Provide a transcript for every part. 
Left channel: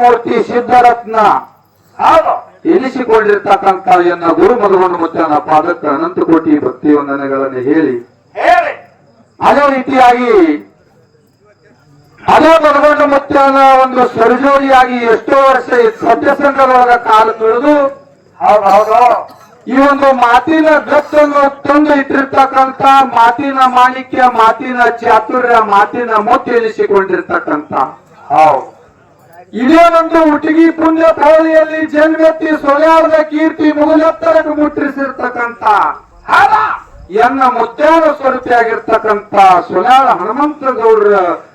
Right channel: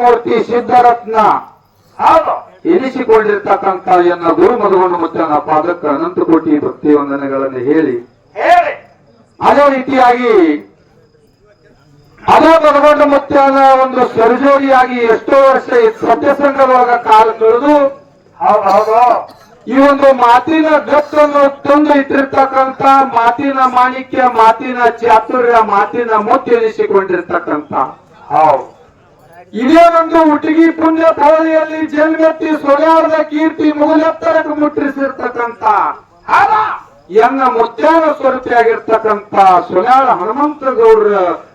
ಮೂರ್ತಿ ಸಿದ್ಧರತ್ನ. ಎನಿಸಿಕೊಂಡಿರ್ತಕ್ಕಂಥ ಎನ್ನ ಗುರು ಮಧುಗೊಂಡು ನನ್ನ ಪಾದಕ್ಕೆ ಅನಂತ ಕೋಟಿ ಭಕ್ತಿ ವಂದನೆಗಳನ್ನು ಹೇಳಿ ಅದೇ ರೀತಿಯಾಗಿ ಅದೇ ಮಧುಗೊಂಡು ಮುತ್ತನ ಒಂದು ಸರ್ಜೋರಿಯಾಗಿ ಎಷ್ಟೋ ವರ್ಷ ಸತ್ಯ ಸತ್ಯಸಂಗದೊಳಗ ಕಾಲ ತಿಳಿದು ಈ ಒಂದು ಮಾತಿನ ಗತ್ತನ್ನು ತಂದು ಇಟ್ಟಿರ್ತಕ್ಕಂಥ ಮಾತಿನ ಮಾಣಿಕ್ಯ ಮಾತಿನ ಚಾತುರ್ಯ ಮಾತಿನ ಮುತ್ತು ಎನಿಸಿಕೊಂಡಿರ್ತಕ್ಕಂಥ. ಹೌದು. ಇದೇ ಒಂದು ಉಟಗಿ ಪುಣ್ಯ ಪೌಳಿಯಲ್ಲಿ ಜನ್ಮೆತ್ತಿ ಸೊಲಾರದ ಕೀರ್ತಿ ಮುಗುಲೆತ್ತರಕ್ಕೆ ಮುಟ್ಟಿಸಿರ್ತಕ್ಕಂಥ ಎನ್ನ ಮುತ್ಯಾನ ಸ್ವರೂಪಿಯಾಗಿರ್ತಕ್ಕಂಥ ಸೊಲ್ಯಾರ ಹನುಮಂತ ಗೌಡ್ರ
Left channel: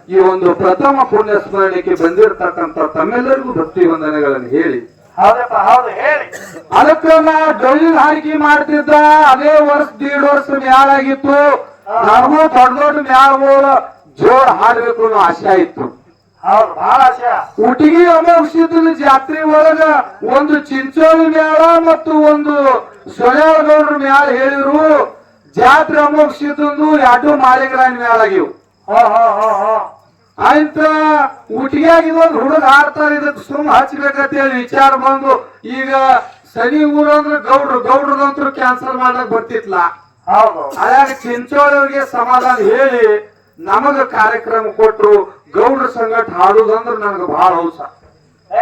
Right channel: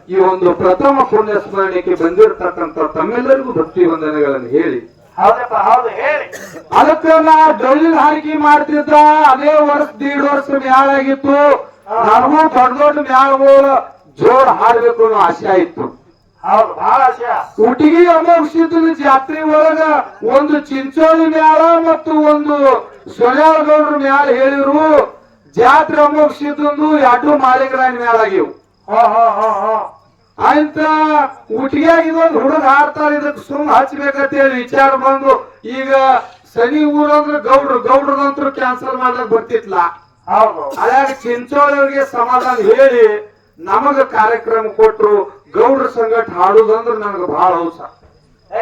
ಈ ಒಂದು ಪ್ರಥಮ ಪುಣ್ಯ ಸ್ಮರಣೆಗೆ ಬಂದಿರತಕ್ಕಂಥ ತಮ್ಮೆಲ್ಲರಿಗೂ ಭಕ್ತಿ ವಂದನೆಗಳನ್ನು ಹೇಳಿ. ಅದಕ್ಕೆ ನಾ ಡೊಳ್ಳಿನ ಹಾರಿಕೆ ಮಾಡ್ತಿದ್ದ ಅದೇ ವರ್ಷ ದೀಡ್ ವರ್ಷ ಮ್ಯಾಲಾಗಿತ್ತು ನನಗೂ ದೊಡ್ಡ ದೊಡ್ಡ ಮ್ಯಾಲ ಜೋರ್ ಹಾಡ್ಬೇಕು ಅನ್ನೋ ಆಸೆ ಆಯ್ತು. ಊಟಿಗೆ ಅಮೋಕ್ಷಿದ ಜಾತ್ರೆ ಒಳಗ ಒಂದು ಚಿಂಚೋಳಿ ಮ್ಯಾಳ ಮತ್ತು ಒಂದು ಸೊಳ್ಯಾಳಗೌಡ್ರ ಮ್ಯಾಲ ಹೇಳಿದ್ರು. ಜಾತ್ರೆ ಅಮೋಕ್ಷಿದಂದು ಎರಡು ಮಾಲಿಂಗರಾಯನ ಮ್ಯಾಲ ಆಗಿವು. ಹೋ ಹೋ ಹೋ ಹೋ. ಆಯ್ತ ಊಟಿಯಾಗ ಇದೊಂದು ಹುಡುಗ ಹಾಡ್ತಾರೆ ಇದ್ ಸುಮ್ ಹಚ್ಬೇಕಂತ ವಿಚಾರ ಬಂದು ಈಗ ಸನಿ ಊರಂದ್ರ ಗೌಡ್ರು ಗೌಡ್ರದಂತರು ಕ್ಯಾನ್ಸಲ್ ಮಾಡ್ಲಕ್ ಬರ್ತಿತ್ಲ. ಅದಾಗ ಚಿಂಚೋಳಿಗೆ ಸಮಾಧಾನ ಹೇಳಿ ನಮಗ ಕಾರ್ಯಕ್ರಮ ಕೊಟ್ರು ಗೌಡ್ರ ಸಂಗಟ ಹಾಡುದಂದ್ರ ನನಗೆ ಬಹಳ ಹೌಸ. ಏ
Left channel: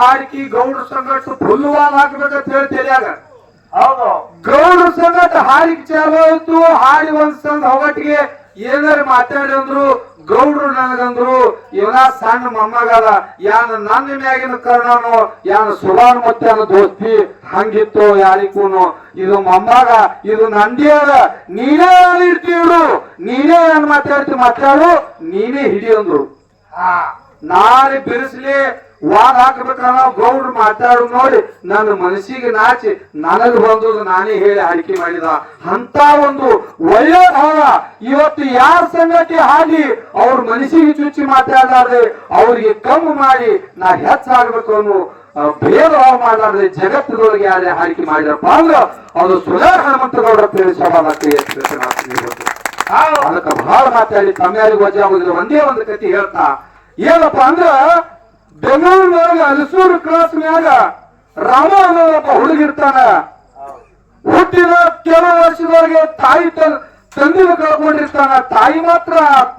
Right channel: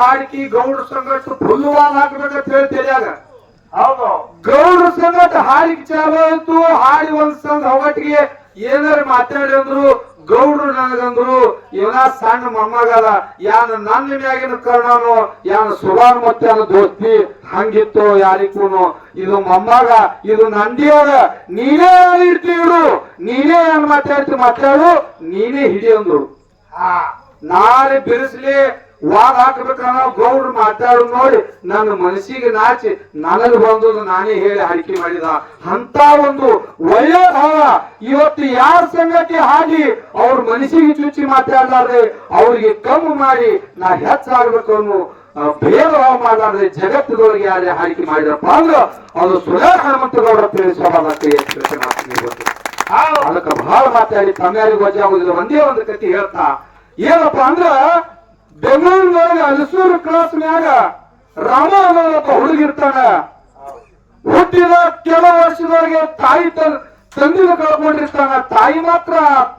ಹಾಕಿ ಗೌಡ್ರ ಸಂಗಟ ಫುಲ್ವಾಲ್ ಹಾಕ್ಬೇಕಂತ ಹೇಳ್ತೀರಿ ಆಗ ಗೌಡ್ರ ಸಂಗಟ ಹಾಡಿಗೆ ಚಾಲು ಆಯ್ತು ಹಾಡಿ ಒಂದ್ ಸಂಗ ಹೊಗಟ್ಟಿಗೆ ಏನಾರ ಮಾತಾಡಿದ್ರು ಗೌಡ್ರು ನನಗಂದ್ರು ಇವನ ಸಣ್ಣ ಮೊಮ್ಮಗದ ಯಾನ ನನ್ನ ಮ್ಯಾಗಿನ ಕರ್ಣನು ಯಾನ ಸುಭಾನ್ ಅನ್ನ ದೋಸ್ತಿ ಹಂಗಿತ್ತು ಯಾರಿಗೂನು. ಇದು ಮೊಮ್ಮಗ ಇದು ನಂದಿಯವ ನೀನೇ ಇಡ್ತೀವಿಡು ನೀನೇ ಏನ್ ಮಾತಾಡ್ತಿ ಮಾತಾಡು ನೀನೇ ಹಿಡಿಯಂದ್ರು ನಾಳೆ ಬಿರುಸ್ಲಿ ವಾದ ಹಾಕ್ಬೇಕನ್ನ ಗೌಡ್ರು ಮಾತಾಡು ನೋಡಿ ನನ್ನ ಮನಸ್ಸಿಗೆ ನಾಚಿ ನನಗ್ ಬಂದು ನಾನೇ ಹೇಳಿ ಆಯ್ಕೆ ಮಾಡಿದ. ಅಂತ ಒಂದು ಒಳ್ಳೆಯ ಭಾವ. ಇವತ್ತು ಯಾರ ಸಂಗತಿ ಹಾಗೆ ಅವ್ರ ಮನಸ್ಸಿಗೆ ಚುಚ್ಚಿ ಮಾತಾಡಲಾರ್ದೆ ಅವ್ರಿಗೆ ಕಮ್ಮಿ ಮಾಡಿ ನಾ ಹೆಚ್ಚಾಗ್ಬೇಕು ಅನ್ನೋ ಭೇದ ಭಾವ ಮಾಡಲಾರ್ದೆ ಜಗತ್ತಿನೊಳಗೆ ಯಾರೇ ಆಯ್ಕೆ ಮಾಡಿದಪ್ಪ ಅಂದ್ರೆ ಅದು ಸುಧಾರ ಹನುಮಂತಗೌಡರ ತಿಳಿಸೋದಕ್ಕೆ ಅದಕ್ಕೆ ಬಹಳ ಮಾತಾಡಿ ವಜಾ ಆಗುದಿಲ್ಲ. ಒಂದೇ ಒಂದು ಕತಿ ಹೇಳ್ತಾ ಏನಪ್ಪಾ ಅಂದ್ರ ಬೆಂಗಳೂರಿನೊಳಗ ಹಲಸೂರು ಕ್ರಾಸ್ ಮ್ಯಾಗ ರಾಮ ಅನ್ನೋ ಒಬ್ಬ ಹುಡುಗಿರ್ತಾನ ಹುಟ್ಟಿದ ಕೆಲವು ವರ್ಷದವರೆಗೆ ತಾಯಿ ತಂದಿನ ಕಳ್ಕೊಂಡಿರ್ತಾನ. ತಾಯಿ ಮಾತ್ರ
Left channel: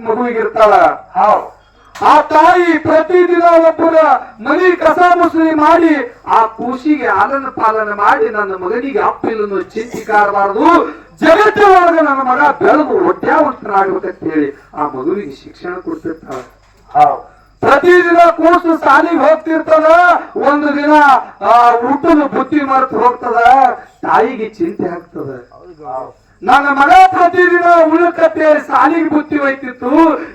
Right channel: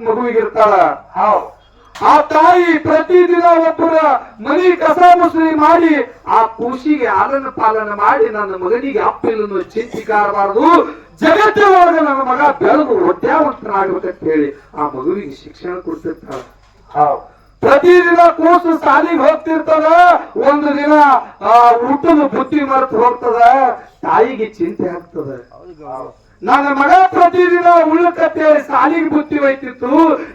ಮಗುವಿಗಿರ್ತಾಳ ಆ ತಾಯಿ ಪ್ರತಿದಿನ ಒಬ್ಬರ ಮನಿ ಕಸ ಮುಸುರಿ ಮಾಡಿ ಆ ಕೂಸಿಗೆ ಆನಂದ ಪಾಲನೆ ಮಾಡಿ ನನ್ನ ಮಗನಿಗೆ ಅಪ್ಪಿಲ್ಲನ್ನು ಚಿಂತಿಕಾರಬಾರದು ಜಗತ್ತಿನೊಳಗೆ ನನ್ನ ಮಗ ಬೆಳೆದು ಹೊಟ್ಯಾವಂತನಾಗ್ಬೇಕಂತ ಹೇಳಿ ಆ ಮಗುವಿಗೆ ಶಿಕ್ಷಣ ಕೊಡ್ತಿರ್ತಾಳ. ಪ್ರತಿದಿನ ಕೂಸು ಸಾಲಿಗೆ ಹೋಗ್ತಿರ್ತಾನ ಒಂದು ದಿನ ಆ ಊಟದ ಬುತ್ತಿ ಮರೆತು ಹೋಗ್ತದ ತಾಯಿಗೆ ಚಿಂತೆ ಆಗ್ತದ. ನನ್ನ ಮಗ ಪ್ರತಿದಿನ ಉಳ್ಳಕತ್ತೆ ಸಾಲಿಗೆ ಬುತ್ತಿ ಹೋಯ್ತಿತ್ತು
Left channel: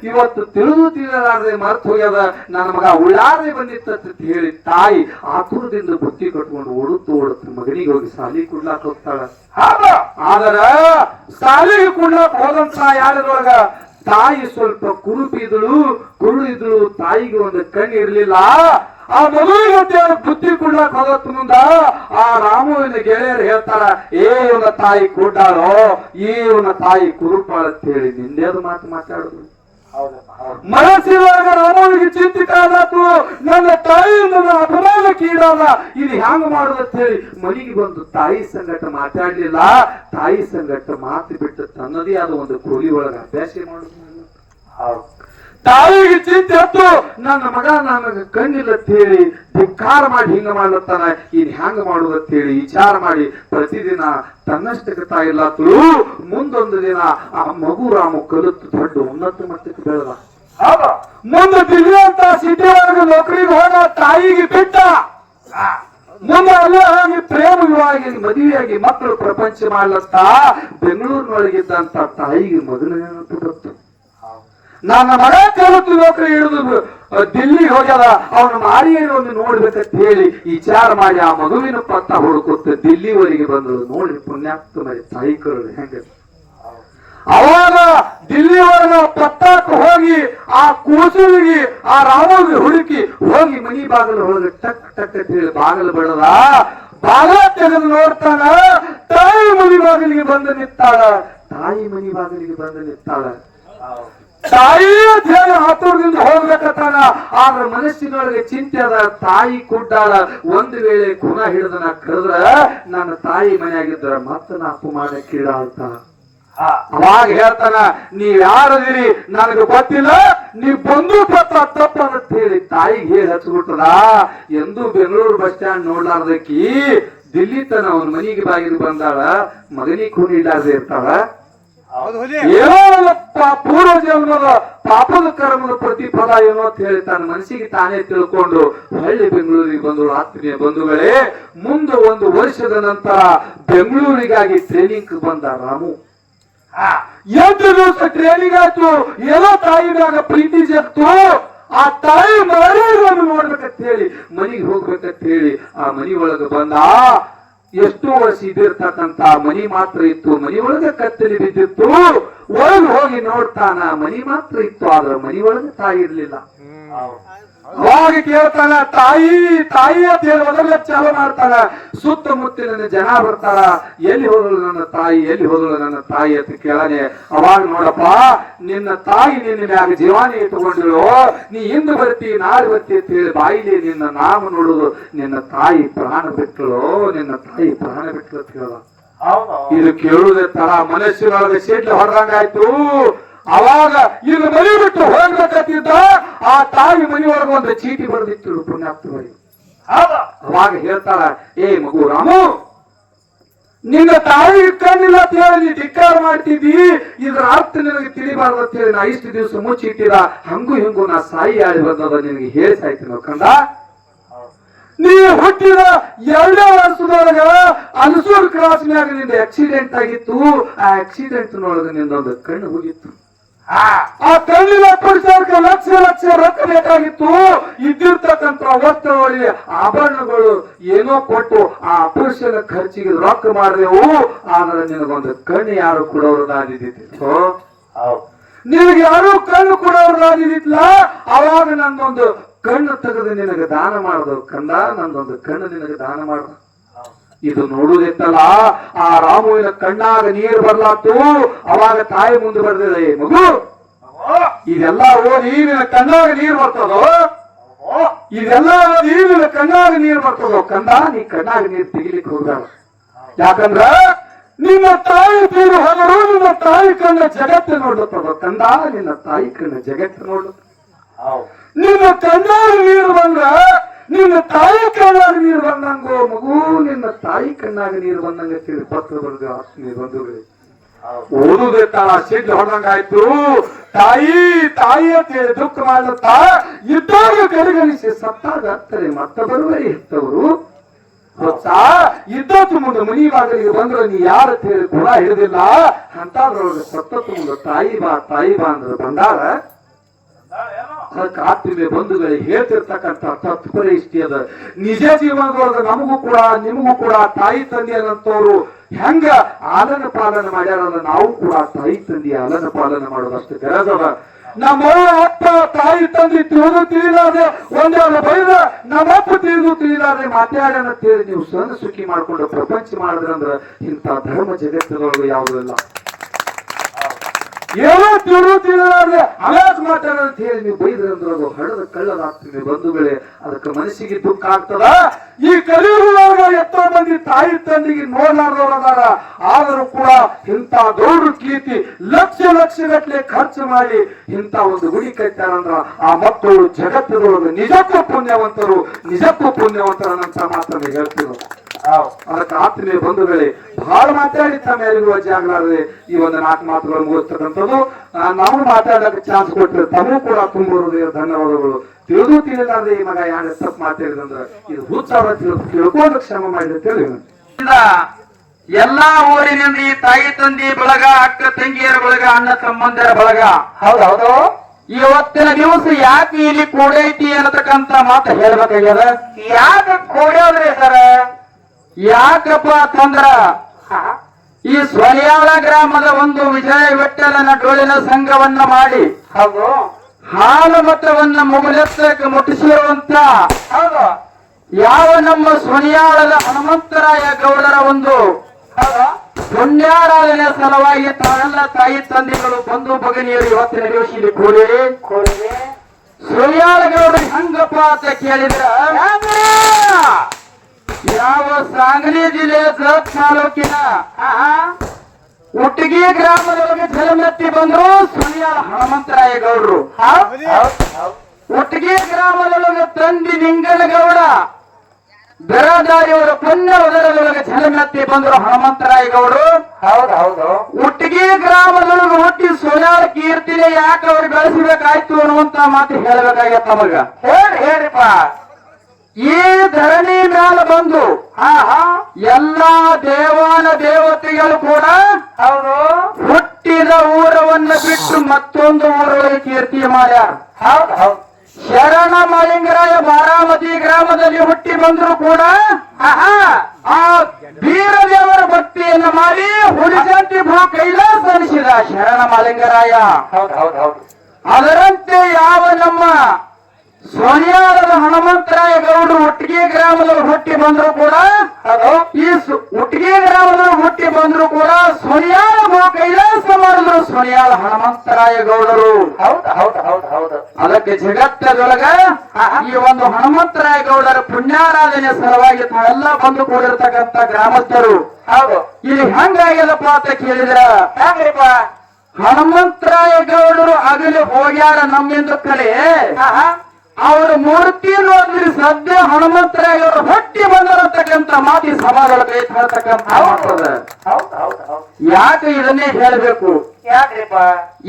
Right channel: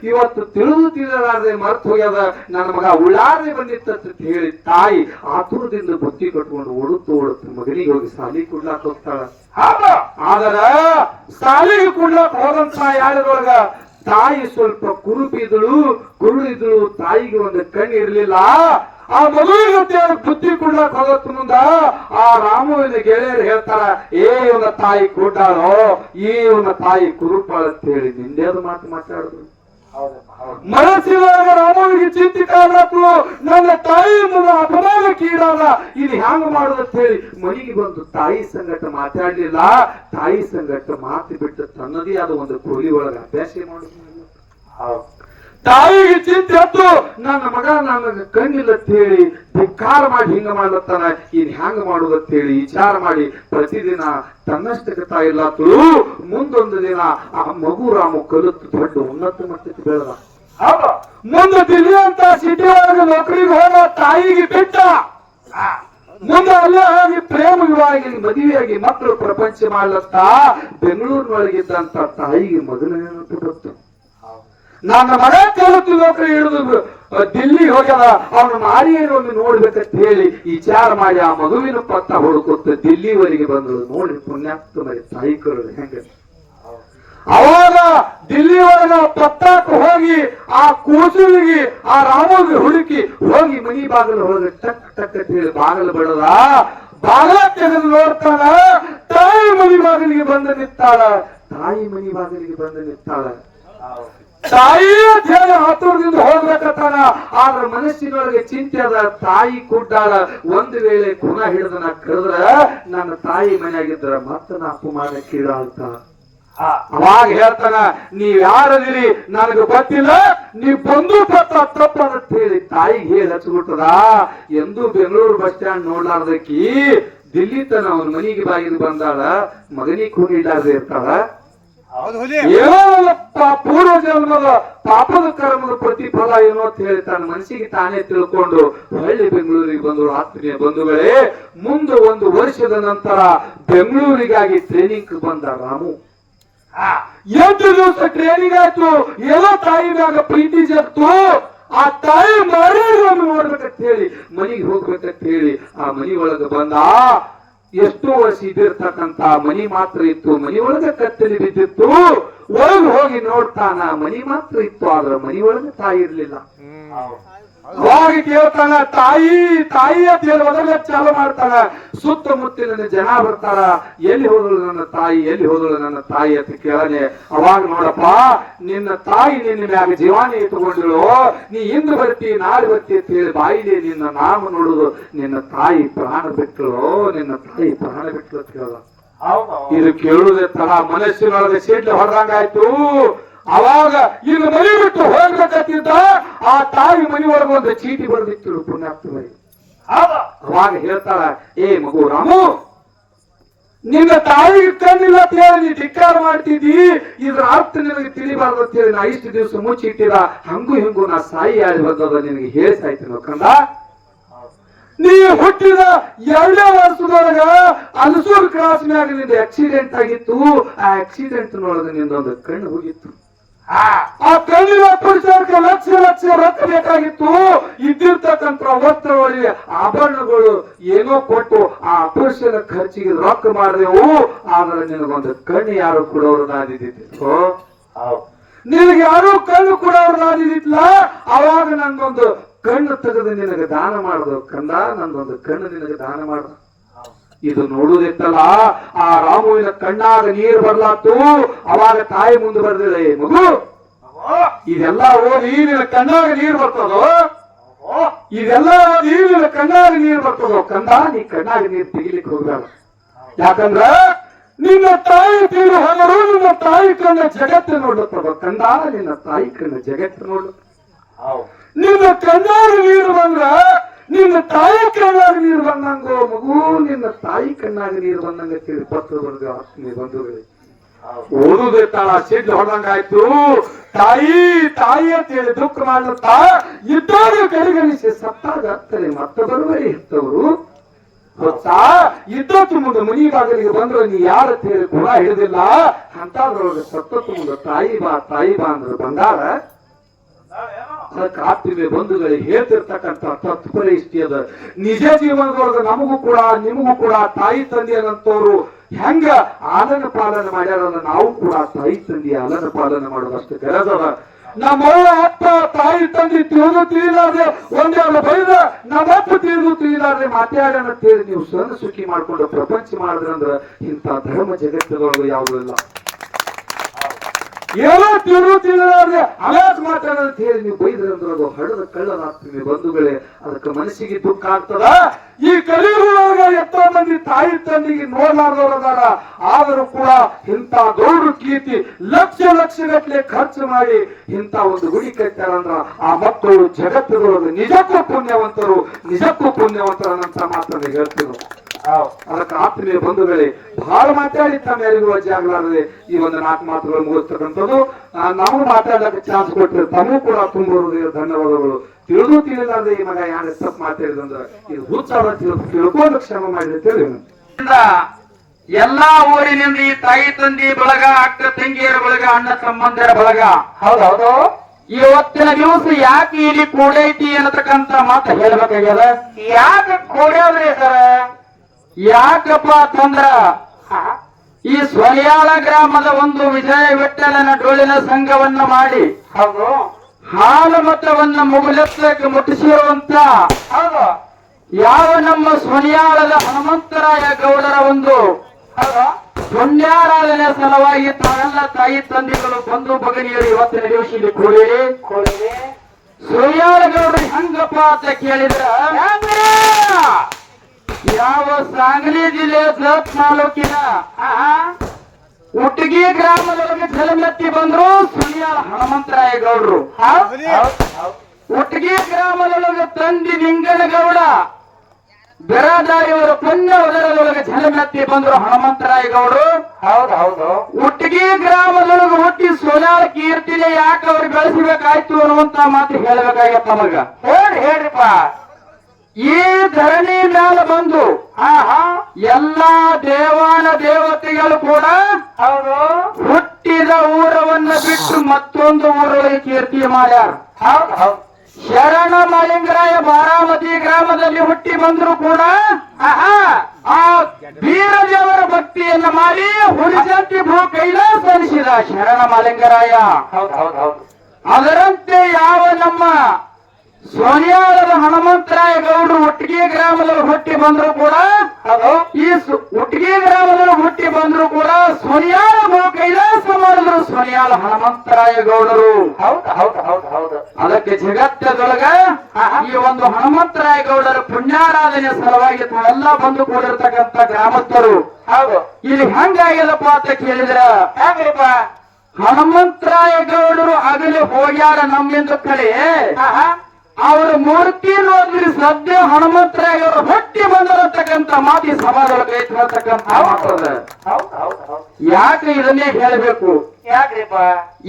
ಇವತ್ತು ತಿಳಿದು ತಿಳಿಲಾರ್ದೆ ಮರ್ತು ಹೋಗ್ಯದ. ನನ್ನ ಮಗ ಉಳ್ಳಾರೆ ಬಂದಿತ್ತು ಅಂತ ಹೇಳಿ ತಾಯಿ ಆತುರದಿಂದ ಬುತ್ತಿ ಕಟ್ಕೊಂಡು ಓಡುತ್ತು ಓಡುತ್ತು ಮಗನಿಗೆ ಹೋಗಿ ಸಾಲಿಗೆ ಕುಡ್ಲಾಕ್ ಹೋಗ್ತಾಳ. ಹಾ ಆದರ ಸಾಲಿಗೆ ಕುಡ್ಲಾಕ್ ಹೋದಂತ ಯಾರದೊಳಗ? ತಾಯಿ ಸ್ವಲ್ಪ ಕುರುಪಿದಳು ಕುರುಳಿದಳು ತಾಯಿಗೆ ಒಂದು ಕಣ್ಣು ಇರ್ಲಿಲ್ಲ. ಆ ಮಗುವಿಗೆ ಬುದ್ಧಿ ಕೊಡ್ಲಕ್ ಹೋಗತ್ ಮುಂದ ಆ ರಾಮುವಿನ ಗೆಳೆಯರು ಹೇಳ್ತಾರ, ಏ ಇವನ ತಾಯಿ ಕೊಡ್ಡಾಳೋ ಈ ಇವನ ತಾಯಿ ಕುರುಪಾಳ ಅಂತ ಹೇಳಿ. ನಿಂದೇದು ಮಾತು ಮಾತಾಡುದು. ಹೌದಪ್ಪ ರಾಮನಿಗೆ ಚಿಂತಿಕಾದಾತು ನನ್ನ ತಾಯಿ ನನ್ನ ಅಪಮಾನಕ್ಕೀಡಾದ ಇಲ್ಲಿ ಹ್ಯಾಂಗ ಮಾಡುದಂತ ಹೇಳಿ ಮನೆಗೆ ಬಂದು ತಾಯಿ ಸಂಗಟ ಮಾತಾಡ್ಲಿಲ್ಲ. ತಾಯಿ ಸಂಗಟ ಮಾತು ಬಿಟ್ಟು ತನ್ನದೇ ಆದ ಒಂದು ಕೋಲಿ ಒಳಗ ಅಭ್ಯಾಸ ಮಾಡುದು. ತಾಯಿಗೆ ಚಿಂತೆ ಹತ್ತು ನನ್ನ ಮಗ ನನಗೆ ಕಣ್ಣಿಲ್ಲ ಅಂತ ಹೇಳಿ ಧಿಕ್ಕಾರ ಮಾಡಿ ಹಿಂಗ ಮಾಡ್ಲತ್ತಾನ. ಇನ್ ಹ್ಯಾಂಗ ಮಾಡುದಂತ ಹೇಳಿ ವಿಚಾರ ಮಾಡಿ ಪ್ರತಿದಿನ ತನ್ನಷ್ಟಕ್ಕೆ ತಾಯಿ ಇಲ್ಲಾತು ಮುಂದೊಂದು ದಿನ ಆ ಮಗು ರಾಮು ಕಲಿತು ದೊಡ್ಡ ಉನ್ನತ ಮಟ್ಟಕ್ಕೆ ಬೆಳೆದ. ಮುಂದೆ ಅಂತ ಸಿಟಿ ಒಳಗೆ ನೌಕರಿಗೆ ಹೋದ ತಾಯಿಗೆ ಬಿಟ್ಟ. ಮುಂದೆ ಅಲ್ಲೇ ಹೋಗಿ ಪ್ರೇಮ ವಿವಾಹ ಮದುವೆಯಾಗಿ ಮಕ್ಕಳು ಪ್ರಪಂಚ ಮಾಡ್ಲತ್ತ. ಬೆಂಗಳೂರಿನೊಳಗಿದ್ದಂತ ತಾಯಿಗೆ ಮೊದಲನೇ ನೆನಪು ನನ್ನ ಮಗ ಕಲಿತು ನೌಕರಿ ಹಿಡಿದು ದಿಲ್ಲಿ ಹೋಗ್ಯದ ಅವನ ಮಾರಿಯನ್ನು ನೋಡ್ಬೇಕಂತ ಹೇಳಿ ವಿಚಾರ ಮಾಡಿ ಆ ಮಗುವಿನ ಪತ್ತ ಹುಡುಕುತ್ತ ದಿಲ್ಲಿವರೆಗೆ ಬಂದು ನೋಡಿ ಪುಣ್ಯಾತ್ಮ ಸಾಯಿಕರು ಹೆಂಗ. ಅವಾಗ ದಿಲ್ಲಿವರೆಗ ಪತ್ತಾಕ ಹೋಗಿ ಆ ಕೂಸುವಿಗೆ ಆ ರಾಮಗೆ ಹುಡುಕಿ ಹೋಗಿ ಮನಿ ಬಾಗಿಲು ಒಳಗೆ ಟಕ್ ಟಕ್ ಅಂತ ಹೇಳಿ ಬಾಗಿಲು ಬಿಡದ. ಬಾಗಿಲ ತೆಗೆದು ನೋಡ್ತಾನ, ತಾಯಿ ಮನಿ ಬಾಗಿಲಿಗೆ ಬಂದು ನಿಂತಾಳ. ತಾಯಿ ಮನಿ ಬಾಗಿಲಿಗೆ ಬಂದು ನಿಂತಾಳ. ತಾಯಿ ಹೇಳಿ ಹತ್ತೂರದಿಂದ ಹೋಗ್ಬೇಕತ್ತಾನ ಆದ್ರ ಮನಸ್ಸಿನೊಳಗೆ ಚಿಂತೆ ಅದ. ತಾಯಿ ಕುಡ್ಡಾಳ. ಒಂದು ವೇಳೆ ಗುಣ ಹಿಡಿದನ ಕರೆದ್ರ ನನ್ನ ತಾಯಿ ಮನೆಯಾಗಿದ್ರ ಮತ್ತ ನಾ ಅಂತ. ಹಾ. ಅವಾಗ ಹೇಳ್ತಾನ ನೀವ್ ಯಾರದಿರಿ? ನನಗೆ ಗೊತ್ತಿಲ್ಲ. ನೀವ್ ಬಂದು ತಪ್ಪ ತಪ್ಪ ಅಂತ ಹೇಳಿ ತಾಯಿಗೆ ಹೇಳಿ ಹಚ್ಬಿಟ್ಟದ ಎಂದು ಬೆಂಗಳೂರು ಬಸ್ ಸ್ಟ್ಯಾಂಡ್ ನೋಡ್ಲಾರ್ದಕ್ಕಿ ದಿಲ್ಲಿ ತನ ಅವನ ಮನೆಗೆ ಬಾಗಿಲು ಬಂದಾಳ. ಮಗನಿಗೆ ಕೂಡಿ ಇಲ್ಲಾರ್ದೆ ಇರ್ತಾಳ. ಏನೋ ಒಂದಪ್ಪ ಪೂರ್ವ ಜನ್ಮದ ಪಾಪದ ಕರ್ಮದ ಪ್ರತಿಫಲ ಏನೋ ಅಂತ ಹೇಳಿ ತನ್ನ ಮನಸ್ಸಿಗೆ ತಾನೇ ತಿಳ್ಕೊಂಡು ಹಳ್ಳಿ ಬೆಂಗಳೂರಿಗೆ ಬಂದು ಆತ್ಮೀಯ ಬಂಧುಗಳೇ ಮುಂದೆ ಒಂದು ವರ್ಷದ ನಂತರ ಬೆಂಗಳೂರಿಗಾಗಿ ಟ್ರೈನಿಂಗ್ ಬಂದ ರಾಮು. ಎಂಟು ದಿವಸ ಟ್ರೈನಿಂಗ್ ಆಯ್ತು. ಎಲ್ಲ ತಾಯಿ ಮ್ಯಾಗ ಪ್ರೀತಿ ಜಗ್ತು. ಆ ತಾಯಿ ಮನೆಯನ್ನು ನೋಡ್ಬೇಕಂತ ಹೇಳಿ ಮನೆಗೆ ಹೋಗ್ಬೇಕಂತ ಹೇಳಿ ಆ ಮನಿ ಒಳಗೆ ಬಂದ. ಎಷ್ಟೋ ವರ್ಷ ಇದ್ದಿರ್ತಕ್ಕಂತ ಮನಿ ಮಾತ್ರ ಇತ್ತು ಮನಿ ಒಳಗೆ ಕತ್ತಲಿ ಬಿದ್ದಿತ್ತು. ಒಳಗೆ ಹೋಗಿ ನೋಡ್ತಾನ ಮನಿ ಮಾತ್ರ ಇತ್ತು ಆದ್ರೆ ಮನಿ ಒಳಗೆ ತಾಯಿ ಇರ್ಲಿಲ್ಲ. ಅವಾಗ ಕೇಳ್ತಾನ ತಾಯಿ ತಾಯಿ ಅಂತ ಹೇಳಿ ಮೊದಲೇ ಚಾಲು ಮಾಡ್ತಾನ. ಸುತ್ತಮುತ್ತಲಿನ ಜನ ಬರ್ತಾರ ಎಲ್ಲಿ ಹೋದಳು ನನ್ನ ತಾಯಿ ಎಲ್ಲಿ ಹೋದಳು ನನ್ನ ತಾಯಿ ಅಂತ ಕೇಳನೆ. ಅವಾಗ ನೋಡಪ್ಪ ನಿನ್ನ ತಾಯಿ ನಿನ್ನ ಮ್ಯಾಗ ಜೀವಾನಿ ಇಟ್ಟುಕೊಂಡಿಳು ನೀ ಇಂದು ಬರ್ತಿ ನಾಳೆ ಬರ್ತಿ ಅಂತ ಹೇಳಿ ಬಾಯಿಲಿ ನಿನ್ನ ನಾಮ ನೋಡುದು ನಿನ್ನ ತಾಯಿ ಪ್ರಾಣ ಬಿಟ್ಟಳು ನಿನ್ನ ತಾಯಿ ಪ್ರಾಣ ಬಿಟ್ಟಳು ಅಂತ ಹೌದು. ಇದು ಕೇಳುವುದೇ ತರ ಮನಸ್ಸಿನೊಳಗೆ ಸೀಟ್ಲೆ ಹೊಡೆದಂಗಾಯ್ತು. ಅವಾಗ ಇಲ್ಲಿ ಮನೆ ಬಿಟ್ಟು ಹೋಗ್ಬೇಕಂತಿದ್ದ ಆ ತಾಯಿ ಮನೆಯೊಳಗೆ ಒಂದು ಚೀಟಿ ಬರೆದಿತ್ತು ಪುಣ್ಯಾತ್ಮರಿ ಅವಾಗ ಹೇಳ್ತಾಳ ಏ ಮಗು ರಾಮು ನಿನ್ನ ತಾಯಿ ಕಣ್ಣಿಲ್ಲ ಅಂತ ಹೇಳಿ ನೀ ಧಿಕ್ಕಾರ ಮಾಡ್ತಿದ್ದಿ. ಇದ್ರ ಅರ್ಥ ನಿನಗೆ ತಿಳಿಬಾರ್ದು ಅಂತ ಹೇಳಿ ನಾ ಇಷ್ಟು ದಿವಸ ಮುಚ್ಚಿಟ್ಟಿರ ಹಂಗು ಹಿಂಗು ನಾ ಸಾಯಿ ಆಡಿ ಬಂದದ ನಿನಗೆ ಹೇಳಿ ಸಾಯ್ತೀನಿ ಕಂದ ನೀ ಹುಟ್ಟಿದ ಎರಡೇ ವರ್ಷದೊಳಗ ಅಲಸೂರ್ ಕ್ರಾಸ್ ಮ್ಯಾಗ ನಿಂದ ಆಕ್ಸಿಡೆಂಟ್ ಆಗಿತ್ತು. ಆ ಆಕ್ಸಿಡೆಂಟ್ ನೊಳಗ ನಿಂದೊಂದು ಕಣ್ಣು ಹೋಗಿತ್ತು. ಆ ಕಣ್ಣಿನ ಪುರುಷರಿಗೆ ಲಕ್ಷ ಲಕ್ಷ ರೊಕ್ಕ ಬೇಕಾಗಿತ್ತು. ಇದ್ದಿರ್ತಕ್ಕಂಥ ವಸ್ತ್ರವಲ್ಲಿ ಆಭರಣಗಳು ಏನೋ ಕೊಟ್ಟು ಆ ಪುರುಷನ ಖರ್ಚಿಗೆ ರೊಕ್ಕ ಮಾಡಿದೆವು ಆದ್ರೆ ನಿನಗೊಂದು ಕಣ್ಣು ಯಾರು ಕೊಡೋರು ನಾನಿದ್ದಿತ್ತು ನಿನಗೆ ಯಾರು ಕಣ್ಣು ಕೊಡೋರ್ದಾದಿದ್ದಿಲ್ಲ ಅವಾಗ ನಂದೊಂದು ಕಣ್ಣು ತೆಗೆದು ನಿನಗೆ ದಾನ ಮಾಡಿದ್ರು ಕಂದ, ನಂದೊಂದು ಕಣ್ಣು ನಿನಗೆ ದಾನ ಮಾಡ್ದು. ಹೌದು ಇದು ನೋಡುವುದಿತ್ತಲ್ಲ ಆ ರಾಮುವಿನ ಕಣ್ಣಾಗ ನೀರು ಬರಲಾತು ಅವಾಗ ತಾಯಿ ಮುಂದೆ ಬರ್ದಿದೆ ಮಗು ಇದೆಲ್ಲ ಓದಿ ನಿನ್ನ ಕಣ್ಣಾಗ ನೀರು ಬರ್ತದೋ? ಇದೆಲ್ಲ ಓದಿ ನಿನ್ನ ಕಣ್ಣಾಗ ನೀರು ಬರ್ತದೋ? ಕಂದ ನೀ ಕಣ್ಣಾಗ ನೀರು ತೆಗಿಲಿಕ್ಕೆ ಹೋಗ್ಬೇಡ. ಯಾಕಂದ್ರ ನಿನ್ನ ತಾಯಿ ತೀರು ಹೋದರು ನಿನ್ನ ತಾಯಿ ಕಣ್ಣ ಜಗತ್ತು ನೋಡುತ್ತದೋ ಕಂದ ನಿನ್ನ ತಾಯಿ ಕಣ್ಣ ಜಗತ್ತು ನೋಡುತ್ತ ನಿನ್ನ ಕಣ್ಣಾಗ ನೀರು ಬಂದ್ರ ನಿನ್ನ ತಾಯಿ ಕಣ್ಣಾಗ ನೀರು ಬಂದಂಗೋ ಮಗು, ನಿನ್ನ ತಾಯಿ ಕಣ್ಣಾಗ ನೀರು ಬಂದಂಗ ತಿಳಿ ಪತ್ರ ಬರ್ಗ ಆತ್ಮೀಯ ಬಂಧುಗಳು. ಹೌದು ಓದುದೇ ತಾಳ, ಸಿಡ್ಲು ತಾಯಿ ತಾಯಿ ಅಂತ ಹೇಳಿ ದುಃಖ ಮಾಡುತ್ತಾ ಇದ್ದಾಗ ಕರಿಗಣಿಸಿ ಸತ್ತಾಗ ಅತ್ತರೆ, ಮತ್ತ ಬರುವರೆ ಇರ್ತವರು ಗೊತ್ತಾ ಇದ್ದತ್ತು ಮುಂದೆ ಮನಿ ಬಂದ್ರೆ ನೀ ಯಾರ ಹೇಳಿ ಕೂಡ ಹಿಡಿದಿಲ್ಲ. ಅಂತಾದ್ರೊಳಗೆ ಸತ್ತತ್ತು ಮುಂದೆ ತಾಯಿ ಬಾ ತಾಯಿ ಬಾ ಅಂದ್ರೆ ಏನೋ ಅದಕ್ಕೆ ಆತ್ಮೀಯ ಬಂಧುಗಳಿಗೆ ಹೇಳ್ತಿರ್ತಕ್ಕಂಥ ತತ್ಪರ ಇಷ್ಟಿ ಅದ ನಿಜ ಜೀವನದೊಳಗೆ ನಮಗೂ ಕೂಡ, ನಿಮಗೂ ಕೂಡ ತಾಯಿ ತಂದೆಯನ್ನಂತವ್ರು ಹೆಂಗ ಆಲನ ಪಾಲನೆ ಮಾಡ್ಯಾರಲ್ಲ ನಾವು ಕೂಡ ತಾಯಿ ತಂದೆ ಆಲನ ಪಾಲನೆ ಮಾಡೋದಷ್ಟು ಕೆಲಸದ ನಮ್ಮ ಅಪ್ಪ, ತಾಯಿ, ತಂದೆ ತಿಳಿದು ತಿಳಿಲಾರೆ ಒಂದೆರಡು ಬೈದ, ನಮ್ಮಪ್ಪ ತಿಳಿದು ತಿಳಿಲಾರೆ ಮಾತಾಡೋಣ ಕೇಳಿ ನೀವು ಸಣ್ಣ ಸುಖಿ ಮಾಡ್ಕೊಂಡು ಪ್ರಪಂಚ ಮಾಡಿದ್ರಂದ್ರ ಇಂಥ ಧರ್ಮ ಜಗತ್ತದೊಳಗೆ ಯಾವುದೂ ಇಲ್ಲ. ಏನೋ ತಿರು ತಿಳಿದಾದ್ರೆ ಹವ್ಯಾಸ ಮಾತಾಡ ಅಂತ ಹೇಳಿ ನೀವು ಬೈದ್ರಂದ್ರೆ ಅದು ಹಡದ ಕಳ್ಳನಾಗ್ತೀವಿ ಬಂಧುಗಳೇ. ಅದಕ್ಕೆ ಮನಸ್ಸಿಗೆ ದುಃಖ ಆಗ್ತದ? ಈ ಕಲಿಯುಗದೊಳಗ ಎಷ್ಟೋ ಮಂದಿ ತಾಯಿ ತಂದಿಗೆ ನೋಡ್ಲಾರ್ದವ್ರದಾರ. ಆದರೂ ಕೂಡ ಇಂಥ ದೊಡ್ಡ ಕೀರ್ತಿ ಲಕ್ಷ ಲಕ್ಷ ಗಟ್ಟಲೆ ಖರ್ಚು ಮಾಡಿ ಇಂಥ ಒಂದು ಗುಡಿ ಕಟ್ಟಾರಂದ್ರ ಆ ಮಕ್ಕಳು ಜಗತ್ತಿನೊಳಗೆ ನಿಜಕ್ಕೂ ಪುಣ್ಯವಂತರು, ನಿಜಕ್ಕೂ ಪುಣ್ಯವಂತರನ್ನಂತ ಮಾತನ್ನು ಹೇಳ್ತಿದ್ರು. ಅದಕ್ಕೆ ಆತ್ಮೀಯ ಬಂಧುಗಳೇ ಬಹಳ ಮಾತಾಡಿ ತಮ್ಮೆಲ್ಲರಿಗೂ ವಜ್ಜೆ ಆಗ್ಲಾರದೆ ಈ ಒಂದು ನಾಲ್ಕು ಮಾತುಗಳು ಮುಗಿಸ್ತಕ್ಕಂಥದ್ದು ನಾವು ಮಾತಾಡಕ್ಕೆ ಚಾನ್ಸ್ ಕೊಟ್ಟರೆ ತಮಗೂ ಕೂಡ ತುಂಬ ಧನ್ಯವಾದಗಳು. ತಿಳಿದು ತಿಳಿದಾರದೆ ಈ ಮಗ ಯಾರು ತಪ್ಪು ಮಾತಾಡಿದಂದ್ರ ಇದು ಹುಚ್ಚಾರ ತಿಳ್- ತಿಳ್ಕೊಂಡು ಕ್ಷಮ ಮಾಡಿದ ತಿಳಿ ಎಲ್ಲಾ ಊರಿನಿಂದ ಈ ತಾಯಿ ತಂದಿ ಬಳಗ ಅಕ್ಕ ತಂಗಿಯರ ಬಳಗ ಅಣ್ಣ ತಮ್ಮಂದಿರ ಬಳಗ. ಹೌದೌದು. ಇವತ್ತಿನ ದಿವಸ ಯಾಕೆ ಇಲ್ಲಿ ಕೂಡೈತಿ ಅನ್ನತಕ್ಕಂತ ಮಾತು ಹೇಳ್ಬೇಕಾಗ್ಯದ? ಯಾಕೆ ಕೂಡ್ಯಾವ್ರಿ ಸರ? ಯಾಕಪ್ಪ ಅಂತಂದ್ರ ಈ ಸ್ವಯಾಳ ಗ್ರಾಮದ ಒಂದು ವಿಜಯ ವಿಠಲನ ಡೋಳಿನ ಸಂಘವನ್ನ ಮಾಡಿ ಹಾಲು ಮತವನ್ನ ಮುಗುಲೆತ್ತಕ್ಕೆ ಮುಟ್ಟಿಸಿರುವಂತ ಯಾವ ನಮ್ಮ ಸ್ವಯಾಳದ ಹನುಮಂತರಾಯ ಗೌಡರ ಒಂದು ಪುಣ್ಯಾರಾಧನೆ ಸಲುವಾಗಿ ತಾವೆಲ್ಲ ತಾಯಿ ತಂದೆಗಳು ಬಂದು ಭಗಿನಿಯರು ಇವತ್ತಿನ ದಿವಸ ಇಲ್ಲಿ ಕೂಡಿ ಕೂಡಿದೆ ಸುಳ್ಯಾಳಗೌಡರು ಹಂಗಪ್ಪ ಅಂತ ಕೇಳಿದ್ರ? ಯಾವ ಸಾಂಗ್ಲಿ ಜಿಲ್ಲೆ ಜತ್ ತಾಲೂಕಿನ ಉಟಗಿ ಗ್ರಾಮದೊಳಗೆ ಜಲಮೆತ್ತಿ ಬಂದ್ರು ಸುಳ್ಯಾಳ ಹನುಮಂತರಾಯ ಗೌಡ್ರು ಒಟ್ಟಿಗೆ ಉಟಗಿ ಗ್ರಾಮದೊಳಗೆ ತಂದಿ ನಿಂಗನಗೌಡ ಬೆರದಾರಿಯವರ ಪುಣ್ಯ ಉದರದೊಳಗೆ ಜಲಮೆತ್ತಿ ಬಂದ್ರು ಹನುಮಂತರಾಯ ಗೌಡ್ರು ಹೌದು ಹೌದು. ಹುಟ್ಟಿಗೆ ಗ್ರಾಮದೊಳಗೆ ಹುಟ್ಟಿ ಸೋನಾಳ ಕೀರ್ತಿನೇ ಯಾಕೆ ಅವ್ರು ಬೆಳೆಸಬೇಕಾಯ್ತು ಅನ್ನುವಂತ ಮಾತು ಹೇಳಬೇಕಾಗತ್ತ ನಮಗ ಹೇಳಿ ಹೇಳಿಪ್ಪ. ಈ ಧರಣಿ ಮ್ಯಾಲ ಎಲ್ಲಾ ದೇವಾನ ದೇವತೆಗಳು ಕೂಡ ಹೌದು. ಹುಟ್ಟಿದ ಊರವನ್ನ ಬಿಟ್ಟು ಮತ್ತೊಂದು ಊರೊಳಗೆ ಕೀರ್ತಿ ಮಾಡ್ಯಾರ. ಹೌದು ಶರಣ ಮಾಲಿಂಗರಾಯ ಬಾರಾಮತಿ ಗ್ರಾಮದಲ್ಲಿ ಹುಟ್ಟಿ ಬಂದ್ರು ಕೂಡ ಆಹಾ, ಆ ವೀರದೇವರ ಭಕ್ತಿಯನ್ನ ಮಾಡಿ ಹುಲಿಜಂತಿ ಭೂ ಕೈಲಾಸ ಶರಣ ಮಾಲಿಂಗರಾಯ ಹೌದು ಹೌದು ಹೌದು. ಅದರಂತೆ ಯಾವ ನಮ್ಮ ಸೋನಿಯಾಳದ ಹನುಮಂತರಾಯ ಗೌಡರು ಒಟ್ಟಿಗೆ ಗ್ರಾಮದಲ್ಲಿ ಹುಟ್ಟಿ ಬಂದ್ರು ಕೂಡ ಅದು ಈ ಒಟ್ಟಿಗೆ ಗ್ರಾಮದಲ್ಲಿ ಹುಟ್ಟಿ ಬಂದ್ರು ಕೂಡ ಸೋನಿಯಾದ ಭೂ ಕೈಲಾಸ ಮಾಡಿದ್ರು ಸೋನಿಯಾದ ಹನುಮಂತರಾಯ ಗೌಡರು. ಹೌದು ಹೌದು ಹೌದು ಹೌದು. ಅದಕ್ಕೆ ಜಗತ್ತದೊಳಗ ಈ ಒಂದು ಹನುಮಂತರಾಯ ಗೌಡರ ಪುಣ್ಯಾರಾಧನೆ ಸಲುವಾಗಿ ತಾವೆಲ್ಲ ಬಂದು ಕೂಡಿರ್ತಕ್ಕಂಥ ಗ್ರಾಮಸ್ಥರು. ಹೌದು. ಇಲ್ಲಿ ಹೆಂಗಾಗ್ಯದಪ್ಪ ಅಂತ ಕೇಳಿದ್ರ? ಹೆಂಗ್ರಿಪ್ಪ? ಹನುಮಂತರಾಯ ಗೌಡರು ಆಗಲಿ ಹೋಗ್ಯಾರ ನಮ್ಮಿಂದ ಕಡೆ. ಆಹಾ. ಅವರ ಮೂರ್ತಿ ನೋಡಿದ್ರೆ ಸದ್ಯ ಹನುಮಂತರಾಯ ಅವರು ಹೊಟ್ಟಿ ಬಂದಿರತಕ್ಕಂತ ಮಾತಿ ಸಭಾದೊಳಗೆ ಹೇಳ್ತಕ್ಕಂತ ಮಾತದ ಹೌದು ಹೌದು ಹೌದು. ಯಾಕೆ ಇದನ್ನೇ ಹೇಳಬೇಕು?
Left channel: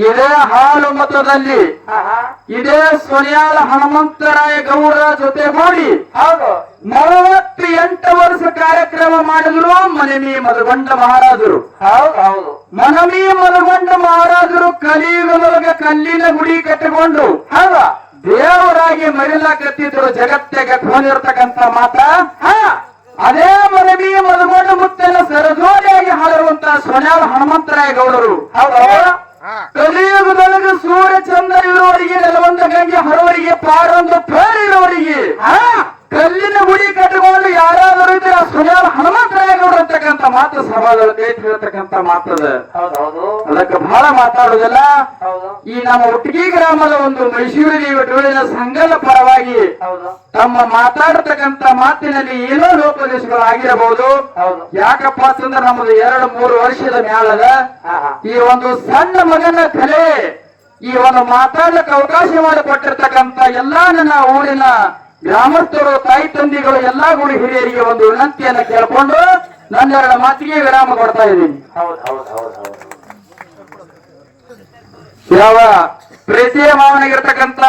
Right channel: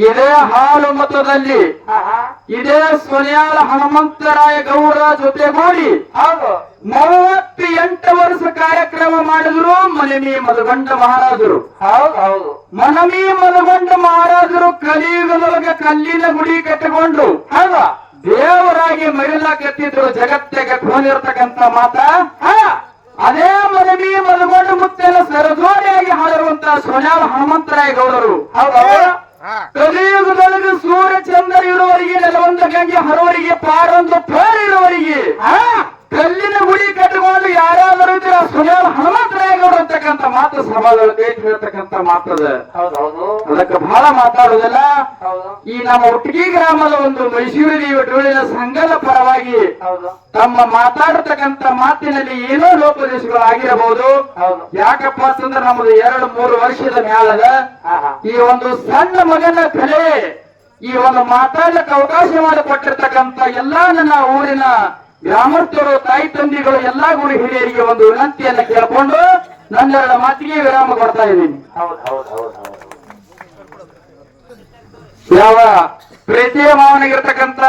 ಇದೇ ಹಾಲು ಮತದಲ್ಲಿ. ಇದೇ ಸೊನ್ಯಾಲ ಹನುಮಂತರಾಯ ಜೊತೆ ಜೊತೆಗೂಡಿ ಹೌದು. ಮೂವತ್ತೆಂಟು ವರ್ಷ ಕಾರ್ಯಕ್ರಮ ಮಾಡಿದ್ರು ಮನಮಿ ಮಲಗೊಂಡ ಮಹಾರಾಜರು. ಹೌದು ಹೌದು. ಮನಮಿ ಮಲಗೊಂಡ ಮಹಾರಾಜರು ಕಲಿಯುಗದೊಳಗೆ ಕಲ್ಲಿನ ಗುಡಿ ಕಟ್ಟಿಕೊಂಡ್ರು. ಹೌದು. ದೇವರಾಗಿ ಮರಿಲಾಕತ್ತಿದ್ರು ಜಗತ್ತಿಗೆ ಕೋಲಿರ್ತಕ್ಕಂತ ಮಾತ? ಅದೇ ಮರಿಮಿ ಮಲಗೊಂಡು ಮುತ್ತೆಲ್ಲ ಸರಜೋಡಿಯಾಗಿ ಹಾಡಿರುವಂತ ಸೊನ್ಯಾಲ ಹನುಮಂತರಾಯ ಗೌಡರು ಹೌದು. ಕಲಿಯುಗದೊಳಗೆ ಸೂರ್ಯ ಚಂದ್ರ ಇರುವವರಿಗೆ ನೆಲವಂತ ಗಂಗೆ ಹರುವರಿಗೆ ಪಾರೊಂದು ಪೇರ್ ಇರುವವರಿಗೆ ಕಲ್ಲಿನ ಗುಡಿ ಕಟ್ಟಿಕೊಂಡು ಯಾರಾದರೂ ಇದ್ರೆ ಸುಳ್ಯಾಳ ಹನುಮಂತರಾಯ ಗೌಡರು ಅಂತಕ್ಕಂಥ ಮಾತು ಸಮಾಜದಲ್ಲಿ ಹೇಳ್ತಕ್ಕಂಥ ಮಾತದ. ಹೌದೌದು ಹೌದು. ಅದಕ್ಕೆ ಬಹಳ ಮಾತಾಡುವುದಿಲ್ಲ. ಈ ನಮ್ಮ ಒಟ್ಟಿಗೆ ಗ್ರಾಮದ ಒಂದು ಮೈಸೂರು ಡೋಳಿನ ಸಂಘದ ಪರವಾಗಿ ತಮ್ಮ ಮಾತಾಡತಕ್ಕಂತ ಮಾತಿನಲ್ಲಿ ಏನೋ ಲೋಪದೇಶಗಳು ಆಗಿರಬಹುದು ಹೌದು. ಯಾಕಪ್ಪ ಅಂತಂದ್ರೆ ನಮ್ದು ಎರಡು ಮೂರು ವರ್ಷದ ಮ್ಯಾಲದ. ಈ ಒಂದು ಸಣ್ಣ ಮಗನ ಕಲೆ ಈ ಒಂದು ಮಾತಾಡಕ್ಕೆ ಅವಕಾಶ ಮಾಡಿಕೊಟ್ಟಿರ್ತಕ್ಕಂತ ಎಲ್ಲಾ ನನ್ನ ಊರಿನ ಗ್ರಾಮಸ್ಥರು ತಾಯಿ ತಂದಿಗಳು ಎಲ್ಲಾ ಗುಡಿ ಹಿರಿಯರಿಗೆ ಒಂದು ವಿನಂತಿಯನ್ನು ಕೇಳ್ಕೊಂಡು ನನ್ನೆರಡು ಮಾತಿಗೆ ವಿರಾಮ ಕೊಡ್ತಾ ಇದ್ದೀನಿ. ಹೌದು ಹೌದು ಹೌದು ಹೌದು. ಯಾವ ಪ್ರೀತಿಯ ಮಾವನಿಗಿರ್ತಕ್ಕಂತ